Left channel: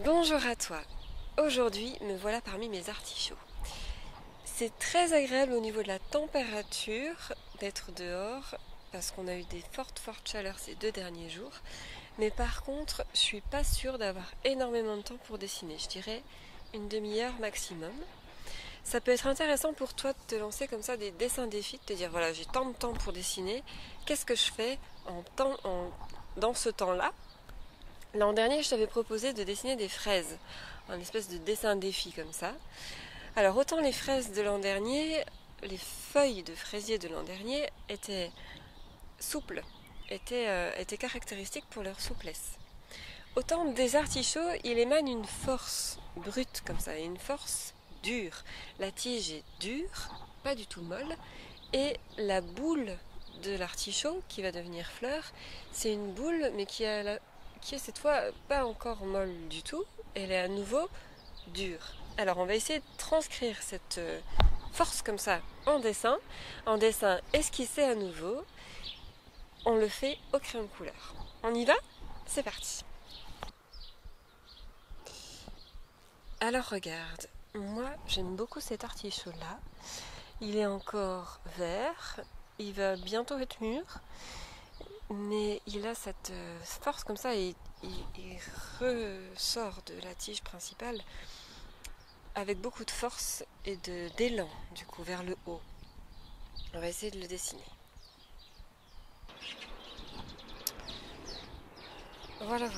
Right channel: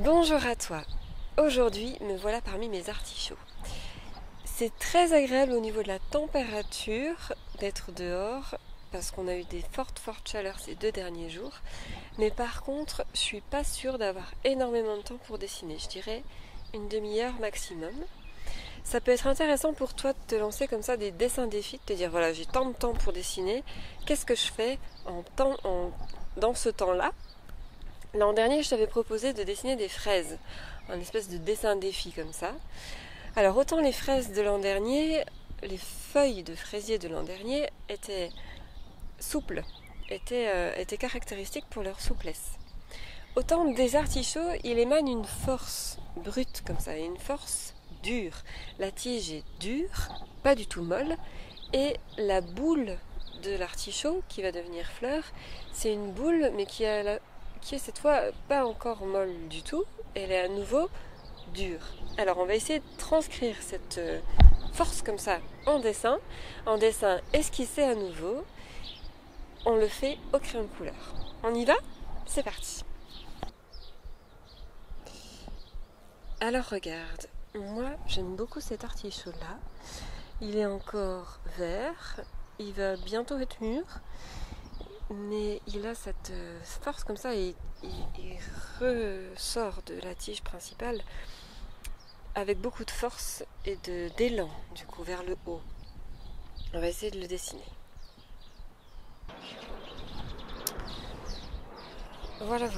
Bonjour à toi. Aujourd'hui, me voilà parmi mes artichauts. C'est très agréable au niveau de la température d'être dehors parce qu'on a eu des fortes chaleurs ces 2 derniers jours. Mais par contre, je suis pas sûre d'avoir énormément de temps pour dessiner. Je dirais une demi-heure maximum. Ça peut être intéressant pour toi de te lancer comme ça des dessins défis, de te dire voilà, j'ai tant de temps pour dessiner. Qu'est-ce que je fais dans ce temps-là? L'an dernier, je t'avais proposé de dessiner des fraises, un espèce de dessin défi comme ça. Alors autant les fraises de l'an dernier, les feuilles de fraisier de l'an dernier étaient souples, étaient caractéristiques pour leur souplesse. Autant des artichauts, il émane une force brute comme ça, et une force dure. La tige est dure, pas du tout molle, et la boule de l'artichaut, qui va devenir fleur, c'est une boule, mais qui est cette fois pas encore molle du tout, elle est à nouveau dure. Alors on va essayer de transcrire cette force comme ça en dessin esquissé à nouveau. On le fait au crayon de couleur. On y va? C'est parti. Alors regarde, moi j'aime beaucoup cet artichaut là. Il est encore vert, il va bientôt être mûr, mais il a cette force comme ça et il ressort de la tige principale avec beaucoup de force et d'élan du coup vers le haut. On va essayer de le dessiner. Voilà.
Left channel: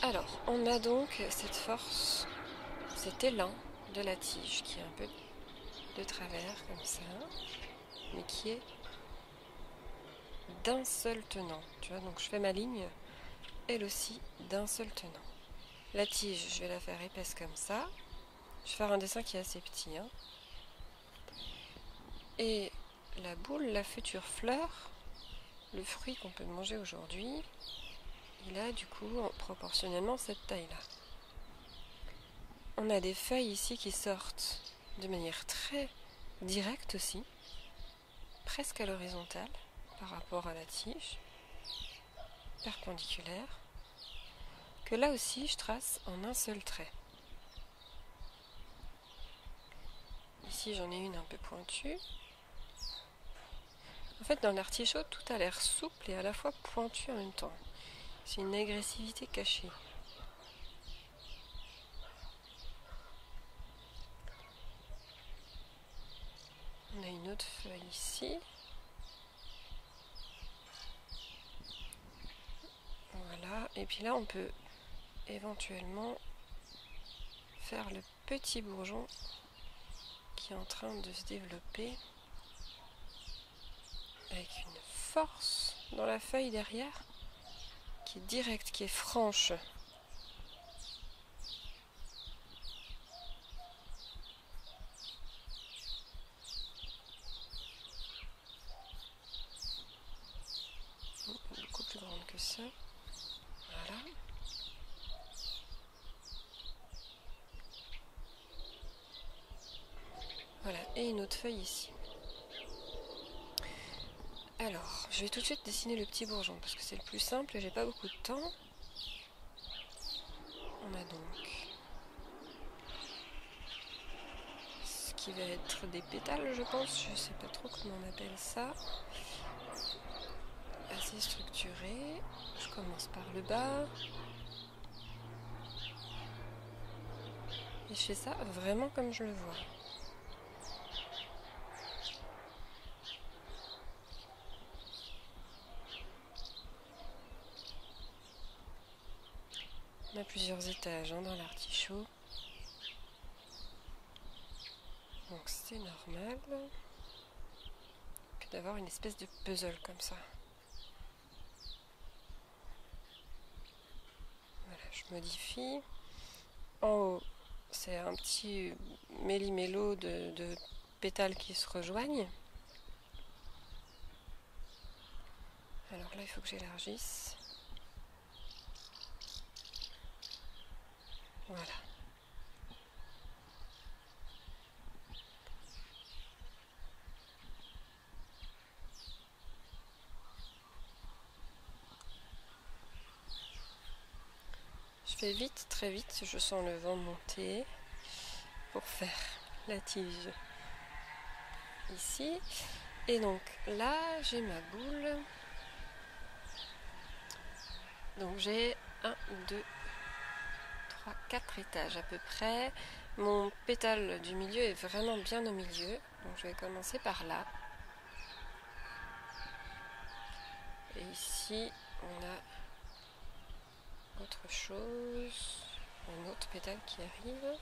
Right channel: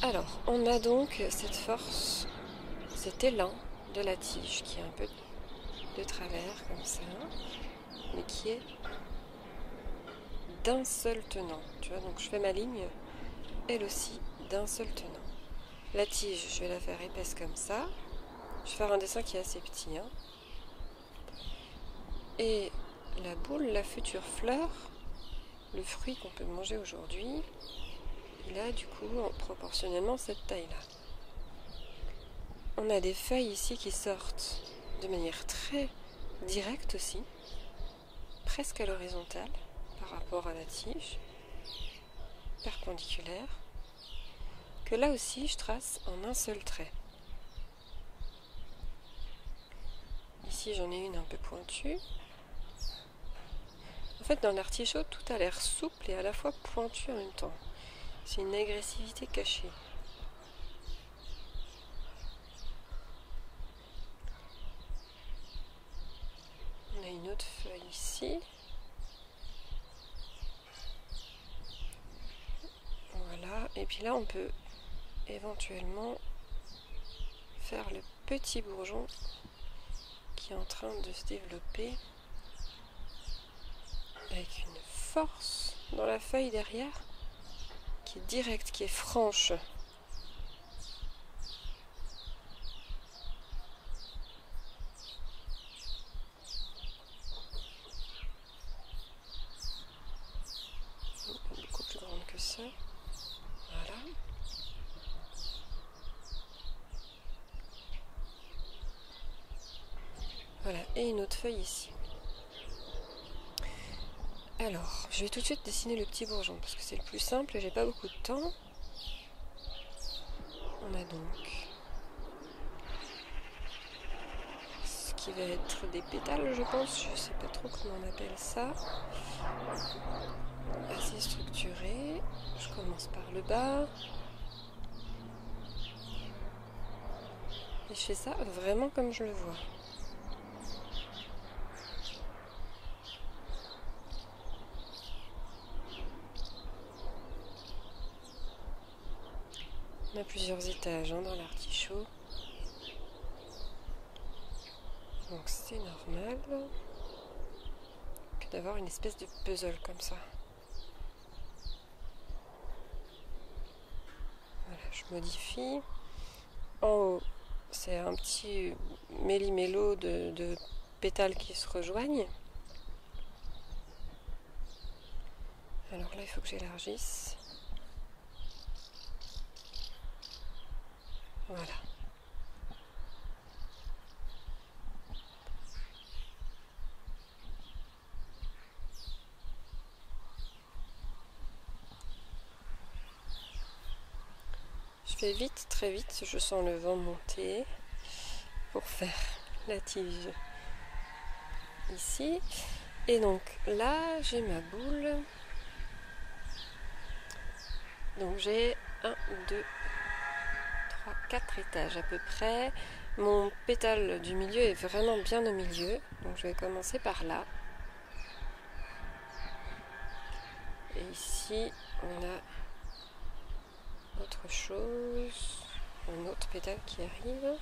Alors, on a donc cette force, cet élan de la tige qui est un peu de travers comme ça, mais qui est d'un seul tenant. Tu vois, donc je fais ma ligne, elle aussi d'un seul tenant. La tige, je vais la faire épaisse comme ça. Je vais faire un dessin qui est assez petit. Et la boule, la future fleur, le fruit qu'on peut manger aujourd'hui, il a du coup proportionnellement cette taille-là. On a des feuilles ici qui sortent de manière très directe aussi, presque à l'horizontale par rapport à la tige, perpendiculaire, que là aussi je trace en un seul trait. Ici j'en ai une un peu pointue. En fait dans l'artichaut tout a l'air souple et à la fois pointu en même temps. C'est une agressivité cachée. On a une autre feuille ici. Voilà, et puis là on peut éventuellement faire le petit bourgeon qui est en train de se développer avec une force dans la feuille derrière qui est directe, qui est franche. Beaucoup plus grande que ça. Voilà. Voilà, et une autre feuille ici. Alors, je vais tout de suite dessiner le petit bourgeon parce que c'est le plus simple et j'ai pas beaucoup de temps. On a donc ce qui va être des pétales, je pense. Je sais pas trop comment on appelle ça. Assez structuré. Je commence par le bas. Et je fais ça vraiment comme je le vois. On a plusieurs étages dans l'artichaut. Donc c'est normal que d'avoir une espèce de puzzle comme ça. Voilà, je modifie. En haut, c'est un petit méli-mélo de pétales qui se rejoignent. Alors là, il faut que j'élargisse. Voilà. Je fais vite, très vite, je sens le vent monter pour faire la tige ici. Et donc là, j'ai ma boule. Donc j'ai 1, 2, 3, 4 étages à peu près. Mon pétale du milieu est vraiment bien au milieu. Donc je vais commencer par là. Et ici, on a autre chose. Un autre pétale qui arrive.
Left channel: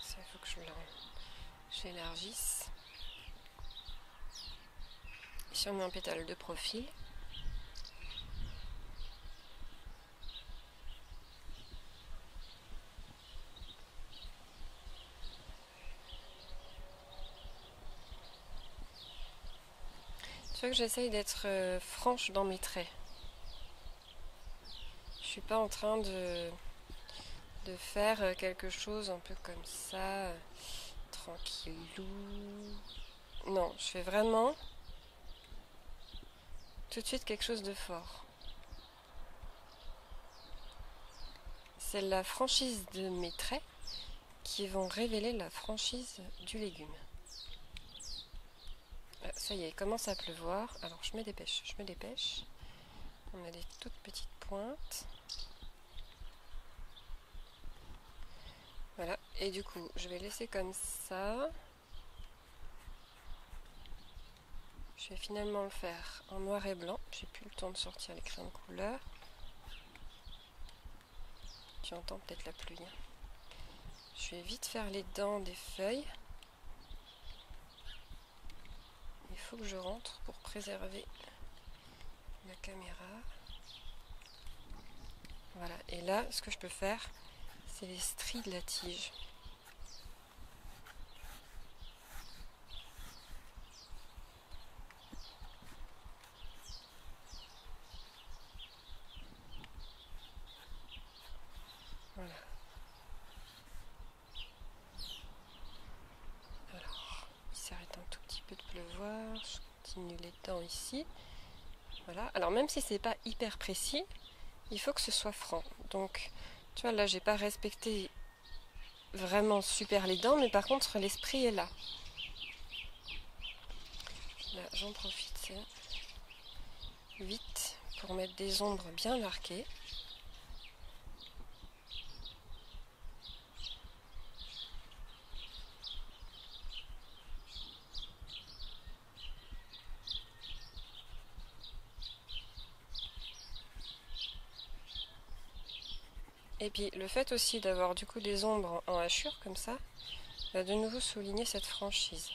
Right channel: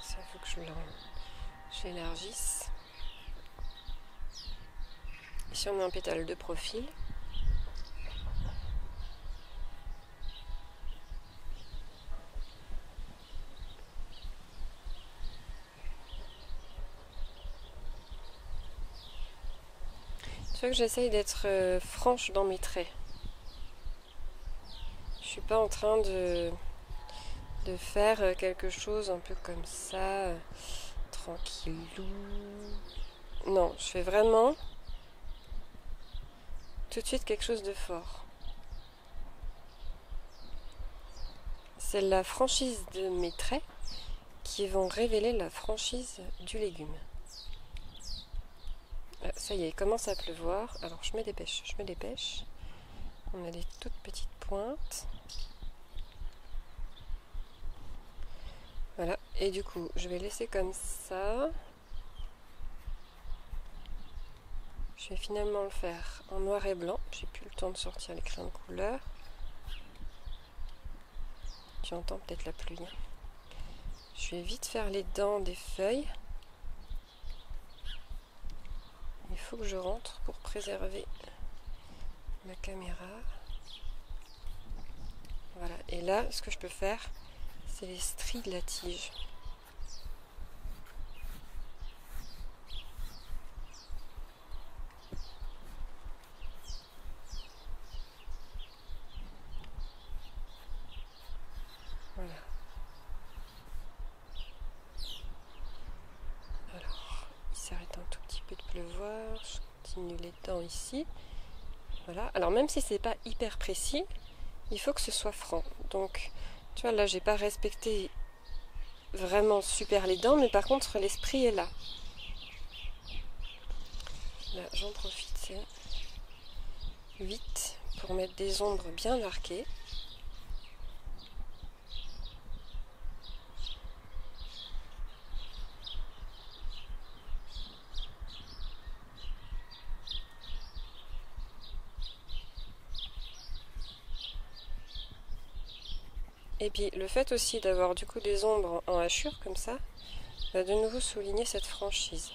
Ça, il faut que j'élargisse. Ici, on met un pétale de profil. Tu vois que j'essaye d'être franche dans mes traits. Je suis pas en train de faire quelque chose un peu comme ça, tranquillou. Non, je fais vraiment tout de suite quelque chose de fort. C'est la franchise de mes traits qui vont révéler la franchise du légume. Ça y est, il commence à pleuvoir. Alors je me dépêche, je me dépêche. On a des toutes petites pointes. Voilà, et du coup, je vais laisser comme ça. Je vais finalement le faire en noir et blanc. J'ai plus le temps de sortir les crayons de couleur. Tu entends peut-être la pluie. Je vais vite faire les dents des feuilles. Il faut que je rentre pour préserver ma caméra. Voilà, et là, ce que je peux faire, c'est les stries de la tige. Voilà. Alors, il s'arrête un tout petit peu de pleuvoir. Je continue les dents ici. Voilà. Alors, même si c'est pas hyper précis, il faut que ce soit franc. Donc, tu vois, là, j'ai pas respecté vraiment super les dents, mais par contre, l'esprit est là. Là, j'en profite vite pour mettre des ombres bien marquées. Et puis le fait aussi d'avoir du coup des ombres en hachure comme ça, va de nouveau souligner cette franchise.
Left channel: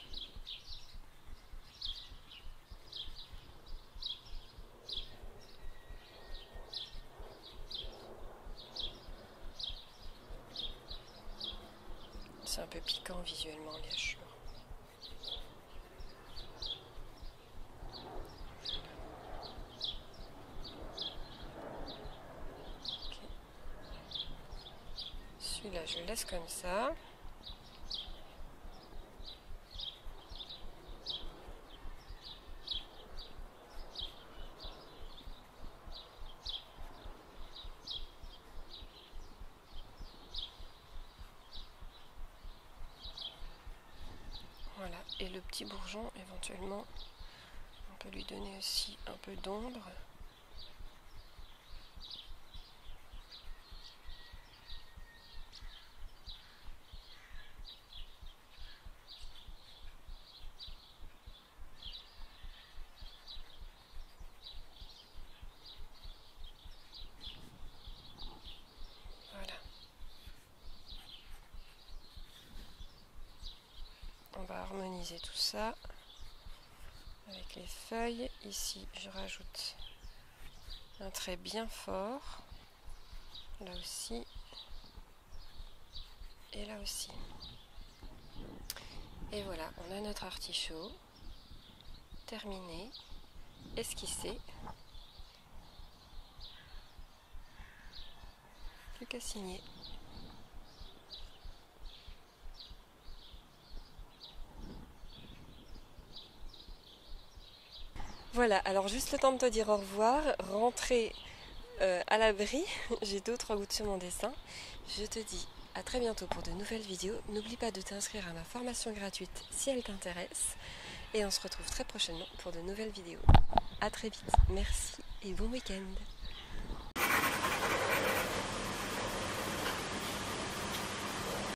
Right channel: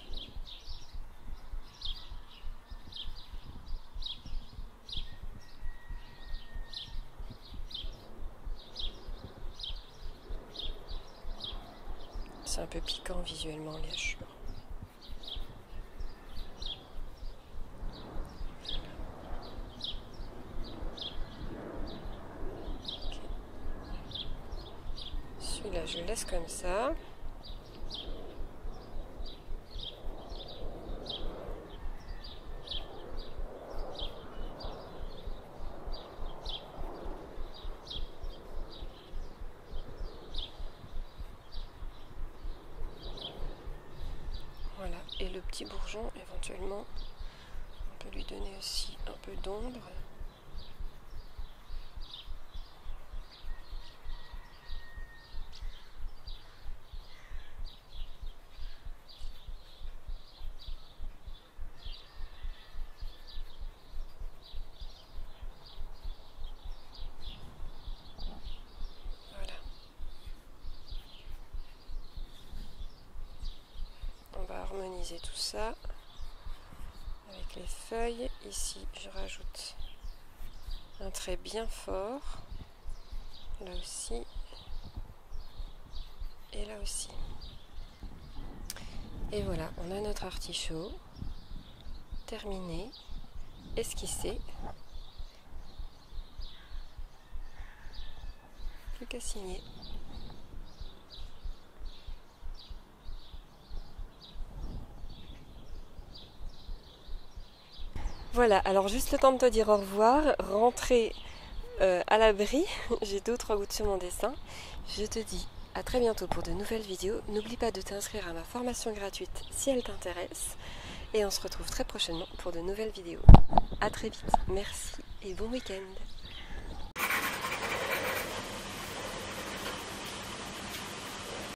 C'est un peu piquant visuellement les hachures. Okay. Celui-là je le laisse comme ça. Voilà, et le petit bourgeon, éventuellement, on peut lui donner aussi un peu d'ombre. Voilà. On va harmoniser tout ça avec les feuilles. Ici, je rajoute un trait bien fort. Là aussi. Et là aussi. Et voilà, on a notre artichaut terminé, esquissé. Plus qu'à signer. Voilà, alors juste le temps de te dire au revoir, rentrer à l'abri, j'ai 2 ou 3 gouttes sur mon dessin. Je te dis à très bientôt pour de nouvelles vidéos. N'oublie pas de t'inscrire à ma formation gratuite si elle t'intéresse. Et on se retrouve très prochainement pour de nouvelles vidéos. A très vite, merci et bon week-end.